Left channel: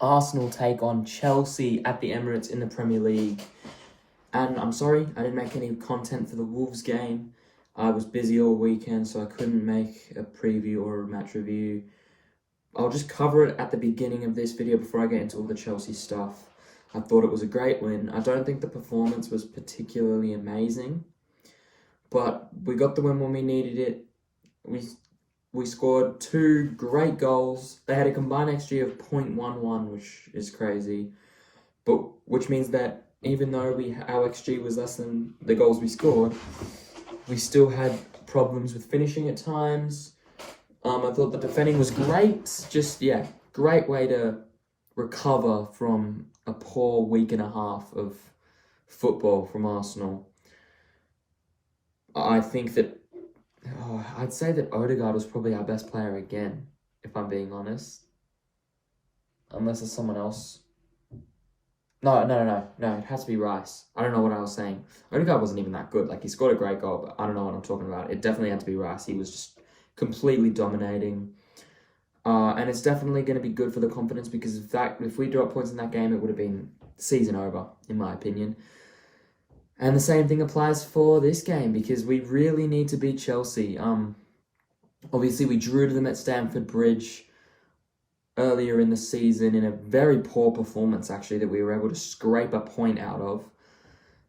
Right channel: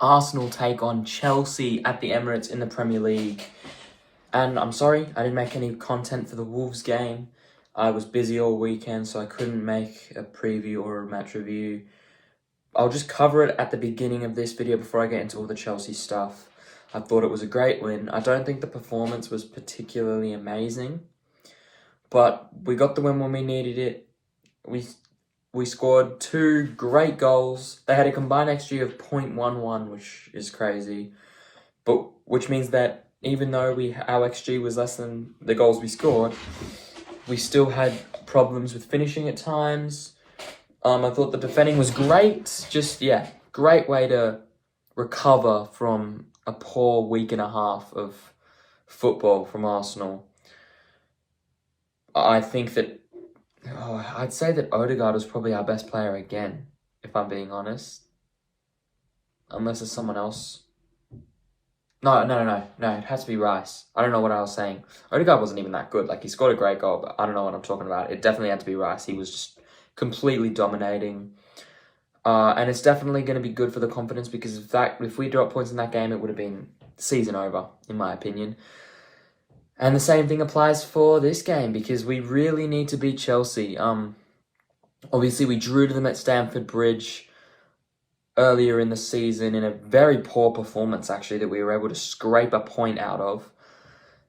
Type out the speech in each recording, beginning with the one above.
Arsenal take on Chelsea at the Emirates in the Premier League. And I'm sorry, I didn't make any content for the Wolves game. I was busy all weekend, so I couldn't make a preview or a match review. I'll just cover it at the beginning of this video before I get into all the Chelsea stuff. I thought it was a great win. I don't think the performance was particularly amazing, but we got the win when we needed it. We scored 2 great goals. They had a combined XG of 0.11, which is crazy, but which means that even though our XG was less than the goals we scored, we still had problems with finishing at times. I thought the defending was great. Great way to recover from a poor week and a half of football from Arsenal. I think that I'd say that Odegaard was probably our best player again, if I'm being honest. Unless there's someone else. No, it has to be Rice. I don't know what I was saying. Odegaard wasn't even that good. Like, he scored a great goal, but I don't know what I'm talking about. It definitely had to be Rice. He was just completely dominating. And it's definitely going to be good for the confidence because if we dropped points in that game, it would have been season over, in my opinion. And the same thing applies for this game because we really need to beat Chelsea. Obviously, we drew to them at Stamford Bridge earlier in the season in a very poor performance, actually, that we were able to scrape a point out of.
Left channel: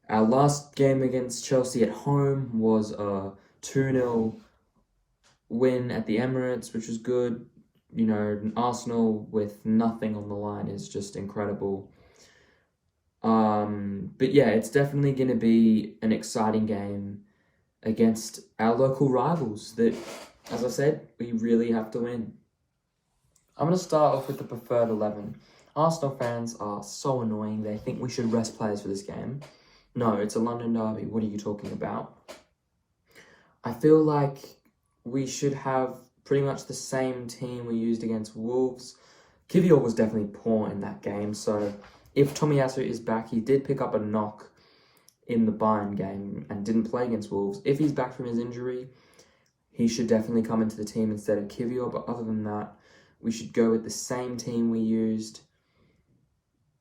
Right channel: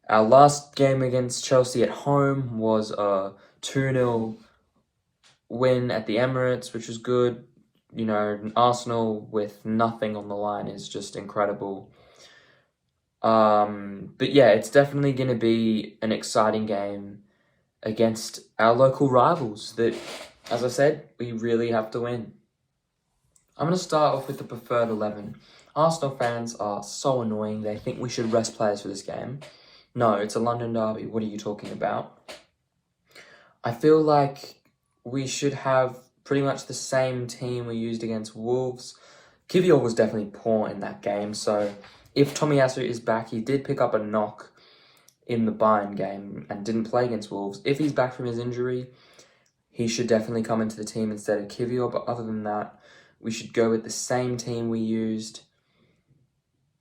Our last game against Chelsea at home was a 2-0 win at the Emirates, which was good. You know, Arsenal with nothing on the line is just incredible. But yeah, it's definitely going to be an exciting game against our local rivals that, as I said, we really have to win. I'm going to start off with the preferred 11. Arsenal fans are so annoying. They think we should rest players for this game. No, it's a London derby. What are you talking about? I feel like we should have pretty much the same team we used against Wolves. Kivior was definitely poor in that game, so if Tomiyasu is back, he did pick up a knock in the Bayern game and didn't play against Wolves. If he's back from his injury, he should definitely come into the team instead of Kivior, but other than that, we should go with the same team we used.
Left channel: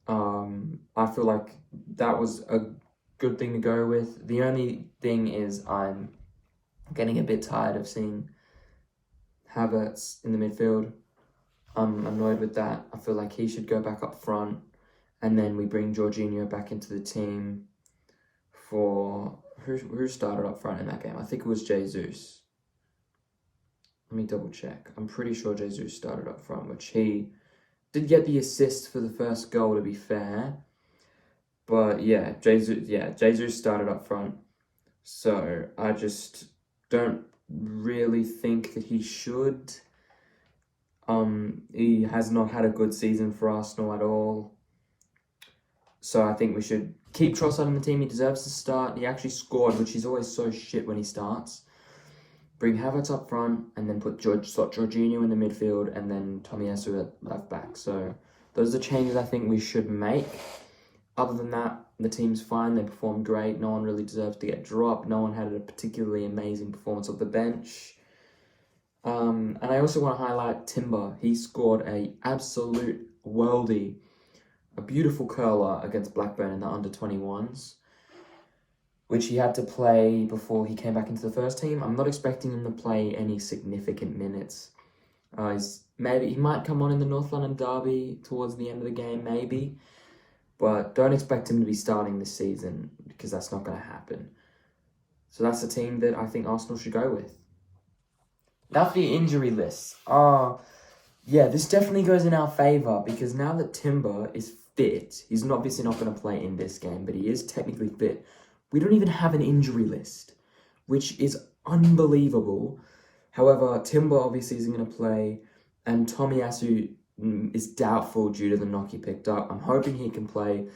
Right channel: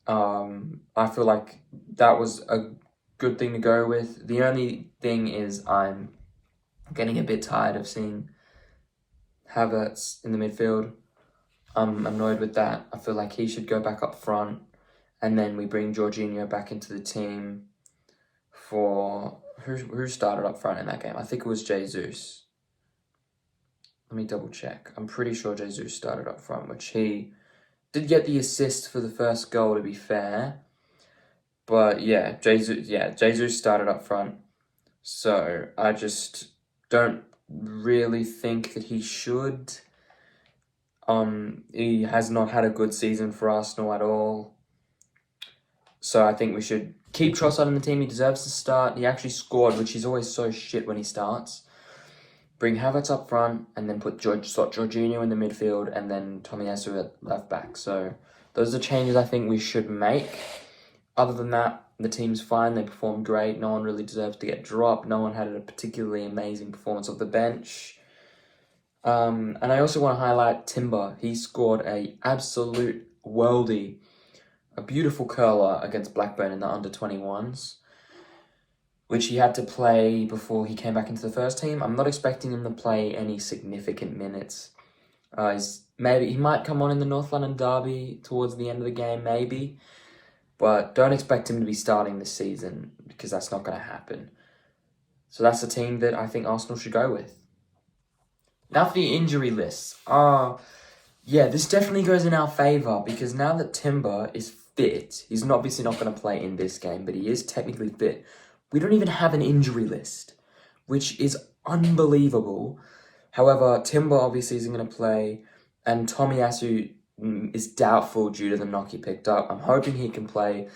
I feel like that was a good thing to go with. The only thing is I'm getting a bit tired of seeing Havertz in the midfield. I'm annoyed with that. I feel like he should go back up front. And then we bring Jorginho back into the team for... Who started up front in that game? I think it was Jesus. Let me double check. I'm pretty sure Jesus started up front, which he did get the assist for the first goal, to be fair. But yeah, Jesus started up front. So I just don't really think that he should. He has not had a good season for Arsenal at all. So I think we should keep Trossard in the team. He deserves to start. He actually scored, which he's always so shit when he starts. Bring Havertz up front and then put Jorginho in the midfield and then Tomiyasu at left back. So those are changes I think we should make. Other than that, the team's fine. They performed great. No one really deserves to get dropped. No one had a particularly amazing performance off the bench. And I also want to highlight Timber. He scored a absolute worldie. A beautiful curler against Blackburn in the under-21s, which he had to play before he came back into the first team. I'm not expecting him to play any significant minutes. Maybe he might come on in the North London derby towards the end of the game, maybe. But don't expect him to be starting this season because that's not going to happen. So that's the team that I think Arsenal should go with. Now for the injury list. Yeah, this definitely goes in our favour because now that Timber is fit, he's obviously not going to play in this game, but he is technically fit. We don't even have an injury list, which is unbelievable. However, Timber obviously isn't going to play, and Tomiyasu is doubtful due to the knock he picked up. I'm hoping he can play.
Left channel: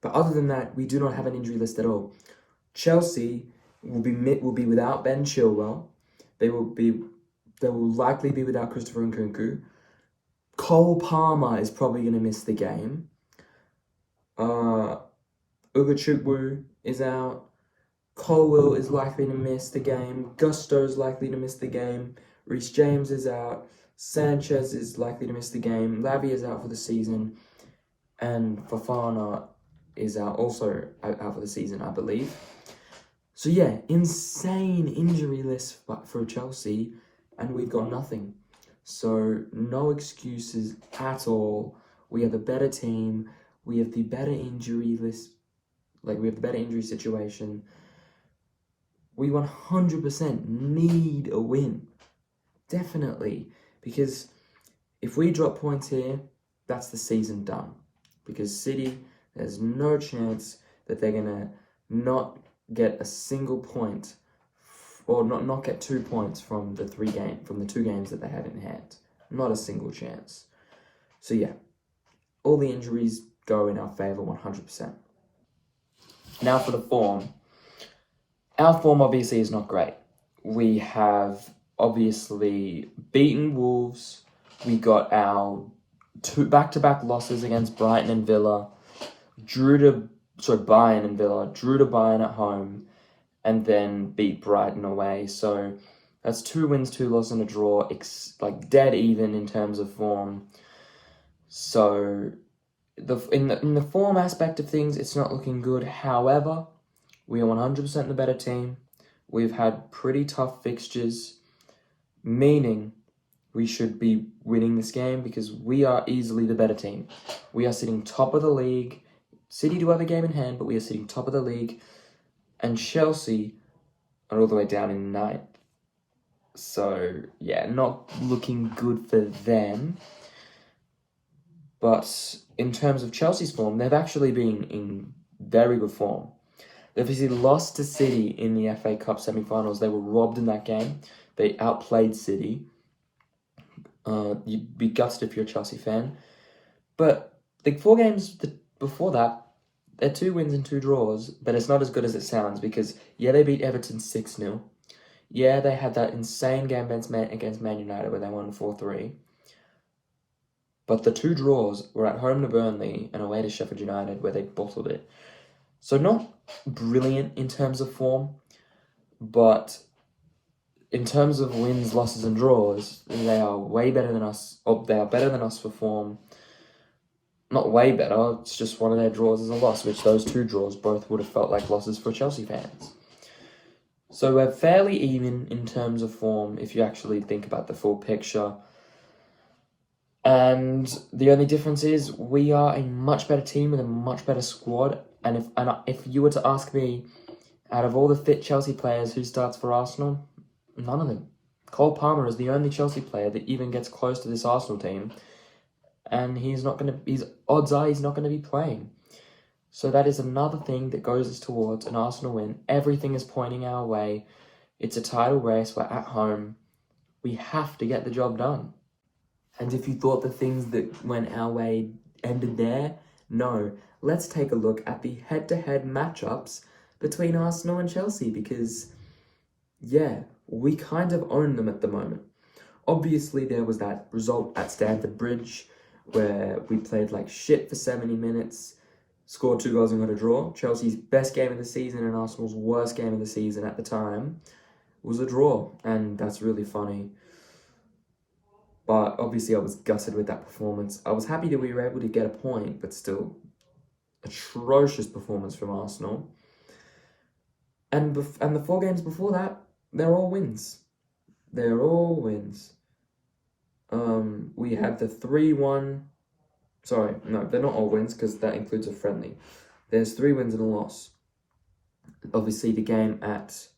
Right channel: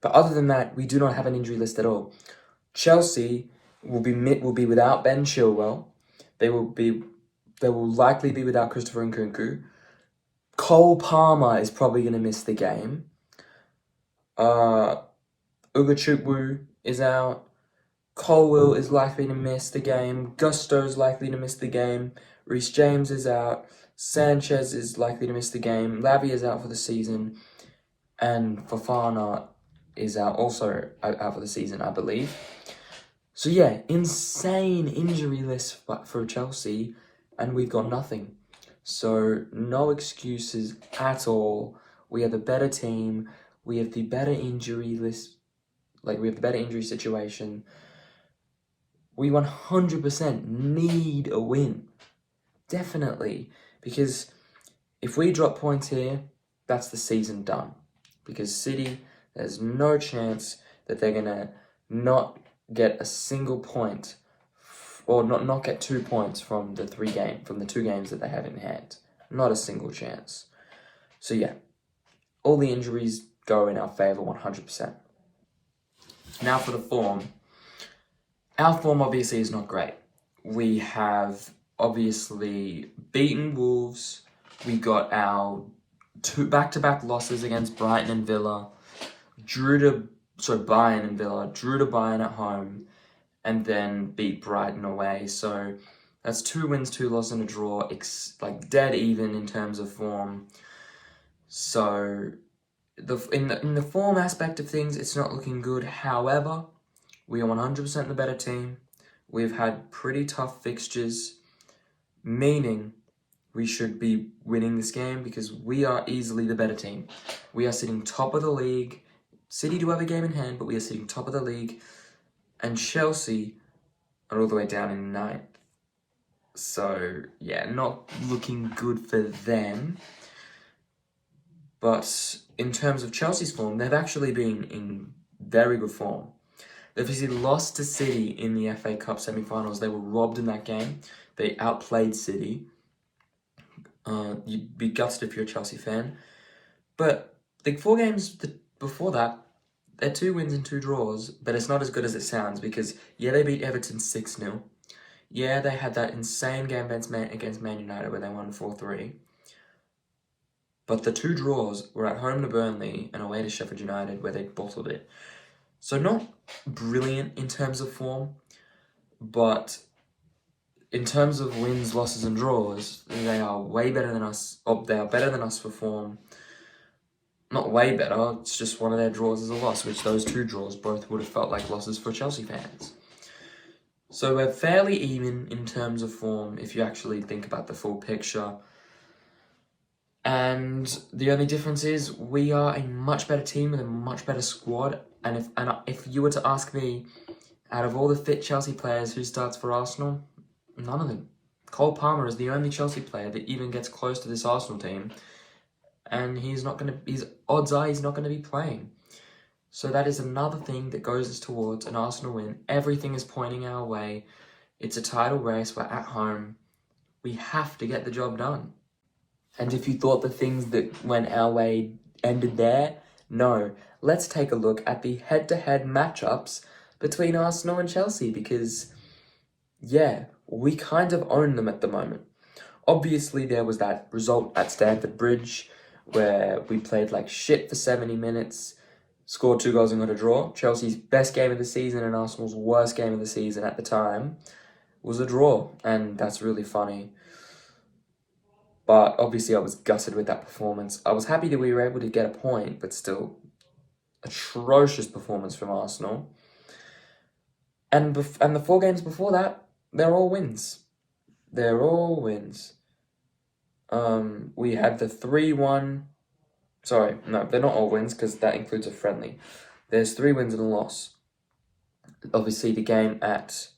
But other than that, we do not have an injury list at all. Chelsea will be without Ben Chilwell. They will likely be without Christopher Nkunku. Cole Palmer is probably going to miss the game. Ugachukwu is out. Colwill is likely to miss the game. Gusto is likely to miss the game. Reece James is out. Sanchez is likely to miss the game. Lavia is out for the season. And Fofana is also out for the season, I believe. So yeah, insane injury list for Chelsea, and we've got nothing. So no excuses at all. We are the better team. We have the better injury list. We have the better injury situation. We 100% need a win. Definitely. Because if we drop points here, that's the season done. Because City, there's no chance that they're going to not get a single point or not get 2 points from the 2 games that they have in hand. Not a single chance. So yeah, all the injuries go in our favour 100%. Now for the form. Our form obviously is not great. We have obviously beaten Wolves. We got our 2 back-to-back losses against Brighton and Villa. Bayern and Villa. Drew to Bayern at home. And then beat Brighton away. So that's 2 wins, 2 losses, and a draw. Dead even in terms of form. So in the form aspect of things, it's not looking good. However, we are 100% the better team. We've had pretty tough fixtures, meaning we should be winning this game because we are easily the better team. We are sitting top of the league. City do have a game in hand, but we are sitting top of the league. And Chelsea are all the way down in 9th. So, yeah, not looking good for them. But in terms of Chelsea's form, they've actually been in very good form. They obviously lost to City in the FA Cup semi-finals. They were robbed in that game. They outplayed City. You'd be gutted if you're a Chelsea fan. But the 4 games before that, they're 2 wins and 2 draws, but it's not as good as it sounds because, yeah, they beat Everton 6-0. Yeah, they had that insane game against Man United where they won 4-3. But the 2 draws were at home to Burnley and away to Sheffield United where they bottled it. So not brilliant in terms of form, but in terms of wins, losses, and draws, they are way better than us. They are better than us for form. Not way better, it's just one of their draws is a loss, which those 2 draws both would have felt like losses for Chelsea fans. So we're fairly even in terms of form if you actually think about the full picture. And the only difference is we are a much better team with a much better squad. And if you were to ask me, out of all the fit Chelsea players who starts for Arsenal, none of them. Cole Palmer is the only Chelsea player that even gets close to this Arsenal team. And odds are he's not going to be playing. So that is another thing that goes towards an Arsenal win. Everything is pointing our way. It's a title race. We're at home. We have to get the job done. And if you thought the things that went our way ended there, no. Let's take a look at the head-to-head matchups between Arsenal and Chelsea because, yeah, we kind of own them at the moment. Obviously, there was that result at Stamford Bridge where we played like shit for 70 minutes, scored 2 goals and got a draw. Chelsea's best game of the season and Arsenal's worst game of the season at the time was a draw, and that's really funny. But obviously I was gutted with that performance. I was happy that we were able to get a point, but still, atrocious performance from Arsenal. And the 4 games before that, they're all wins. They're all wins. We had the 3-1. Sorry, no, they're not all wins because that includes a friendly. There's 3 wins and a loss. Obviously, the game at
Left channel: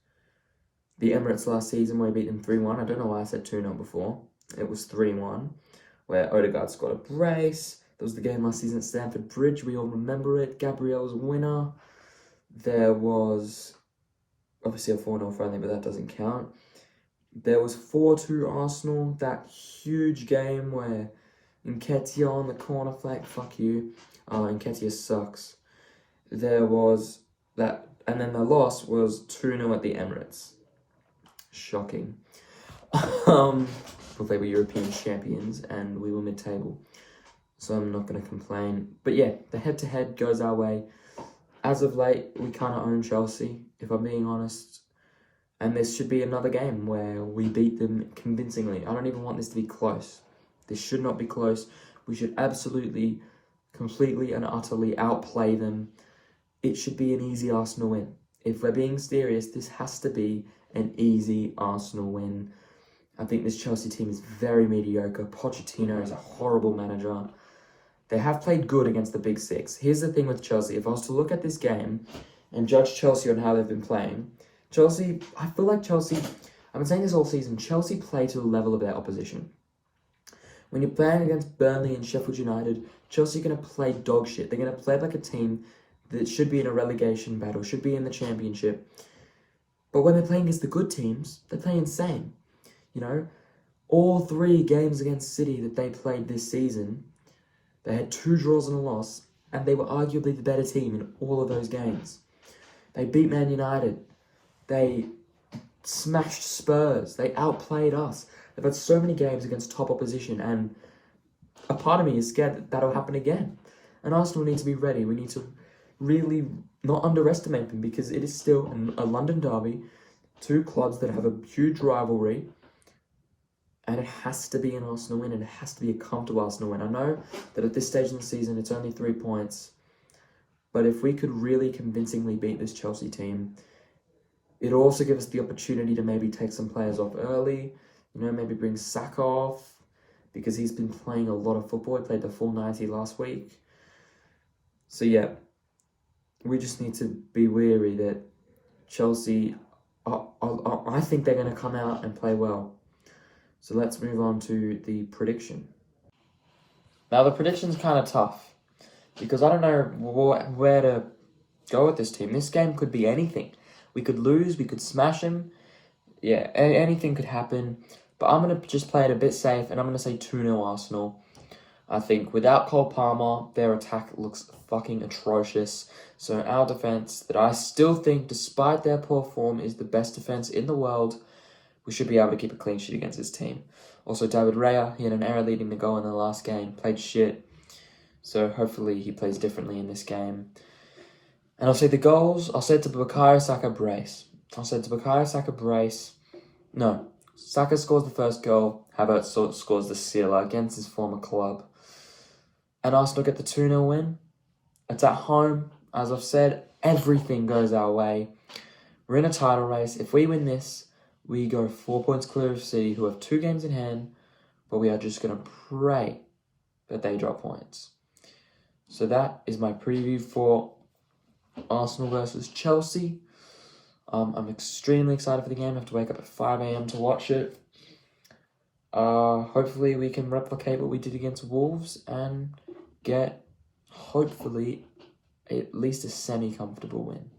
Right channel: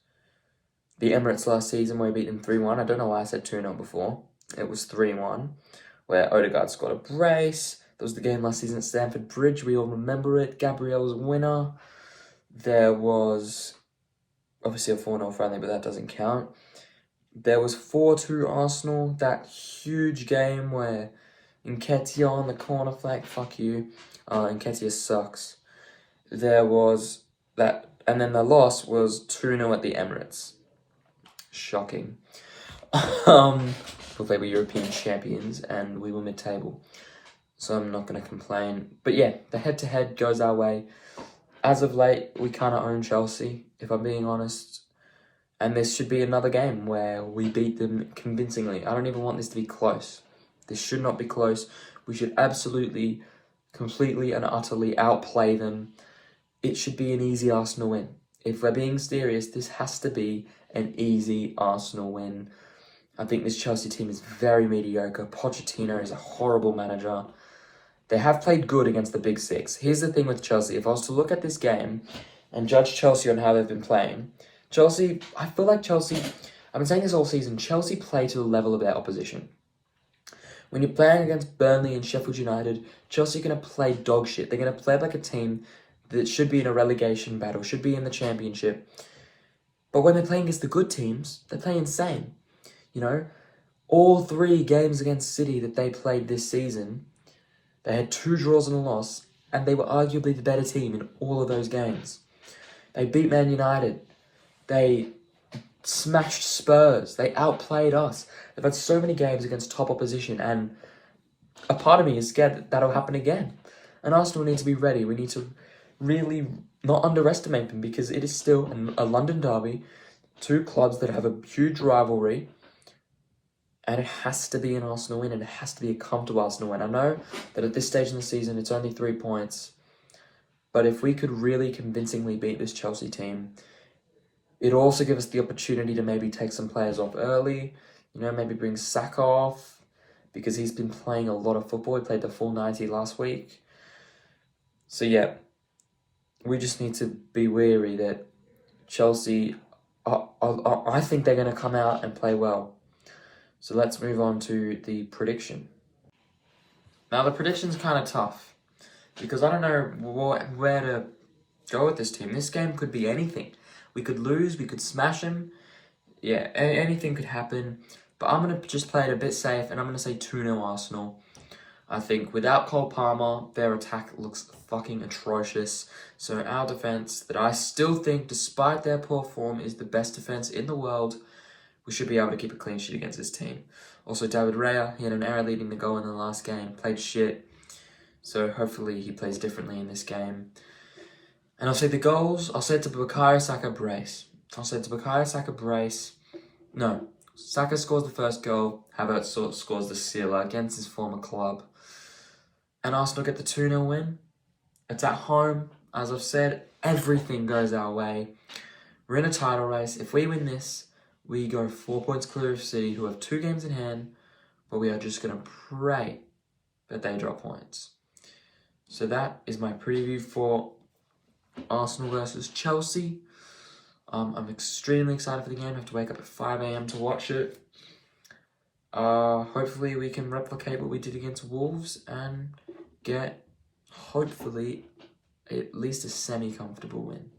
the Emirates last season where we beat them 3-1. I don't know why I said 2-0 before. It was 3-1, where Odegaard scored a brace. There was the game last season at Stamford Bridge. We all remember it. Gabriel's winner. There was obviously a 4-0 friendly, but that doesn't count. There was 4-2 Arsenal, that huge game where Nketiah on the corner flag, fuck you. Nketiah sucks. There was that, and then the loss was 2-0 at the Emirates. Shocking. But they were European champions and we were mid-table. So I'm not going to complain. But yeah, the head-to-head goes our way. As of late, we kind of own Chelsea, if I'm being honest. And this should be another game where we beat them convincingly. I don't even want this to be close. This should not be close. We should absolutely, completely and utterly outplay them. It should be an easy Arsenal win. If we're being serious, this has to be an easy Arsenal win. I think this Chelsea team is very mediocre. Pochettino is a horrible manager. They have played good against the Big Six. Here's the thing with Chelsea. If I was to look at this game and judge Chelsea on how they've been playing, Chelsea, I feel like Chelsea, I've been saying this all season, Chelsea play to the level of their opposition. When you're playing against Burnley and Sheffield United, Chelsea are going to play dog shit. They're going to play like a team that should be in a relegation battle, should be in the championship. But when they're playing against the good teams, they play insane. You know, all 3 games against City that they played this season, they had 2 draws and a loss, and they were arguably the better team in all of those games. They beat Man United. They smashed Spurs. They outplayed us. They've had so many games against top opposition, and a part of me is scared that that'll happen again. And Arsenal need to be ready. We need to really not underestimate them, because it is still a London derby, 2 clubs that have a huge rivalry, and it has to be an Arsenal win, and it has to be a comfortable Arsenal win. I know that at this stage in the season, it's only 3 points, but if we could really convincingly beat this Chelsea team, it'll also give us the opportunity to maybe take some players off early, maybe bring Saka off, because he's been playing a lot of football. He played the full 90 last week. So yeah, we just need to be wary that Chelsea, I think they're going to come out and play well. So let's move on to the prediction. Now the prediction's kind of tough, because I don't know where to go with this team. This game could be anything. We could lose, we could smash them. Yeah, anything could happen. But I'm going to just play it a bit safe, and I'm going to say 2-0 Arsenal. I think without Cole Palmer, their attack looks fucking atrocious. So our defense, that I still think, despite their poor form, is the best defense in the world, we should be able to keep a clean sheet against this team. Also, David Raya, he had an error leading the goal in the last game, played shit. So hopefully he plays differently in this game. And I'll say the goals, I'll say it to Bukayo Saka brace. No, Saka scores the first goal, Havertz scores the sealer against his former club. And Arsenal get the 2-0 win. It's at home. As I've said, everything goes our way. We're in a title race. If we win this, we go 4 points clear of City, who have 2 games in hand, but we are just going to pray that they drop points. So that is my preview for Arsenal versus Chelsea. I'm extremely excited for the game. I have to wake up at 5 a.m. to watch it. Hopefully we can replicate what we did against Wolves and get, hopefully, at least a semi-comfortable win.